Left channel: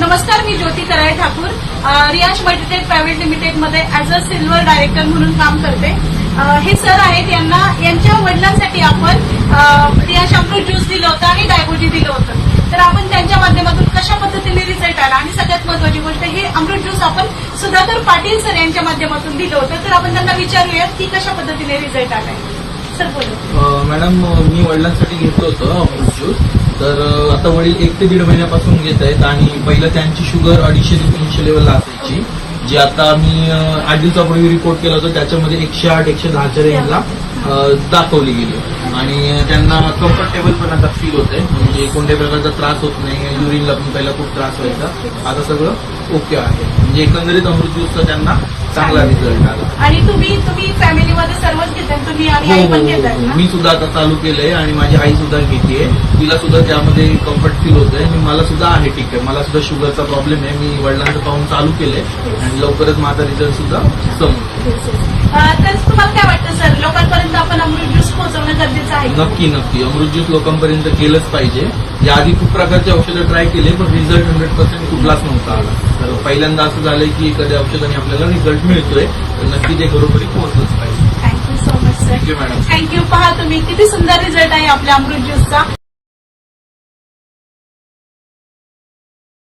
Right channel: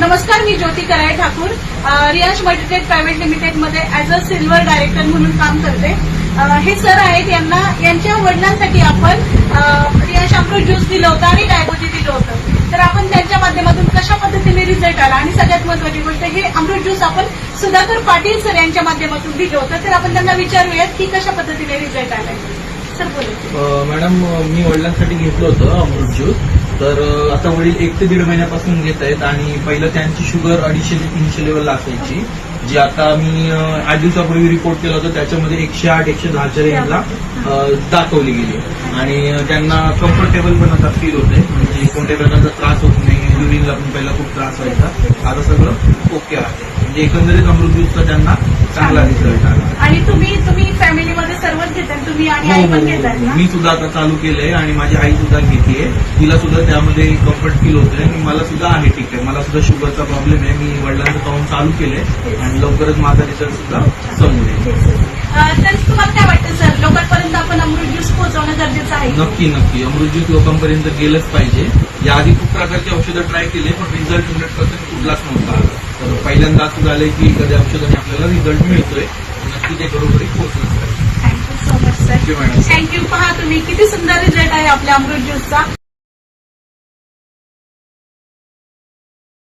नमस्कार मी Jyoti Karale Thakur. Riyash multitech private लिमिटेडमध्ये ऍज अ सिल्वर डायरेक्टर म्हणून काम करते. हे सर आहेत यांना यांच्या वडिलांसाठी आपण रियाश अमृत ज्यूस दिलं होतं आणि डायबोजी दिलं होतं. तर आपण त्यांच्या माध्यमातून कशा पद्धतीने रिझल्ट आला? आणि सगळ्यात महत्वाची गोष्ट हे अमृत ज्यूस आपण सुधाकर पाटील सर यांच्या माध्यमातून दिलं होतं. तर आपण त्यांना विचारूयात की कशा पद्धतीने रिझल्ट आलाय. मॅडम मी वडिलांसाठी घेतलं होतं अमृत ज्यूस. तर आता वडील एक ते दीड महिन्यापासून घेत आहेत आणि पहिलं त्यांची शुगर अडीचशे ते तीनशे लेवलला असायची जी आता मी आठ दिवसापूर्वी रिपोर्ट केलं होतं त्याच्यामध्ये एकशे आठ एकशे दहाच्या रेंजला दाखवली गेली. आणि त्यांना कम्फर्टेबल पण आता फील होते म्हणजे कोणत्याही प्रकारचा त्रास होत नाही युरिनला पण पहिला खूप त्रास व्हायचा. आता सगळं ओके आहे. म्हणजे एकंदरीत अमृत ज्यूसचा त्यांना चांगला रिझल्ट आला. आणि तुम्ही आणि हो आई हो पण हो. ना? मी सुद्धा आता चालू केलंय आणि माझी आई सुद्धा घेतेय तिला सुद्धा त्यामध्ये कम्फर्ट फील होतंय. आणि मला सुद्धा आहे ठीक आहे. मला सुद्धा शुगरचा प्रॉब्लेम आहे. मी वडिलांचं पाहून चालू केलंय. आणि लवकरच माझा रिझल्ट सुद्धा समोर येईल. अं, तर तुम्हाला काय वाटतं सर लोकांपर्यंत आपण अमृत ज्यूस पोहोचवणं गरजेचं आहे? नक्की नक्की. अमृत ज्यूस लोकांपर्यंत गेलंच पाहिजे. याआधी खूप प्रकारचे औषधं ट्राय केले पण रिझल्ट हंड्रेड पर्सेंट कुठलाच नव्हता आला. तर पहिल्यांदा असं झालंय की एखाद्या औषधाने आपल्याला रिझल्ट मिळतोय. तर नक्की ते घरोघरी पोहोचलंच पाहिजे. थँक्यू मॅडम थँक्यू पहा तुम्ही किती सुंदर रिझल्ट आहे आपल्या अमृत ज्यूसचा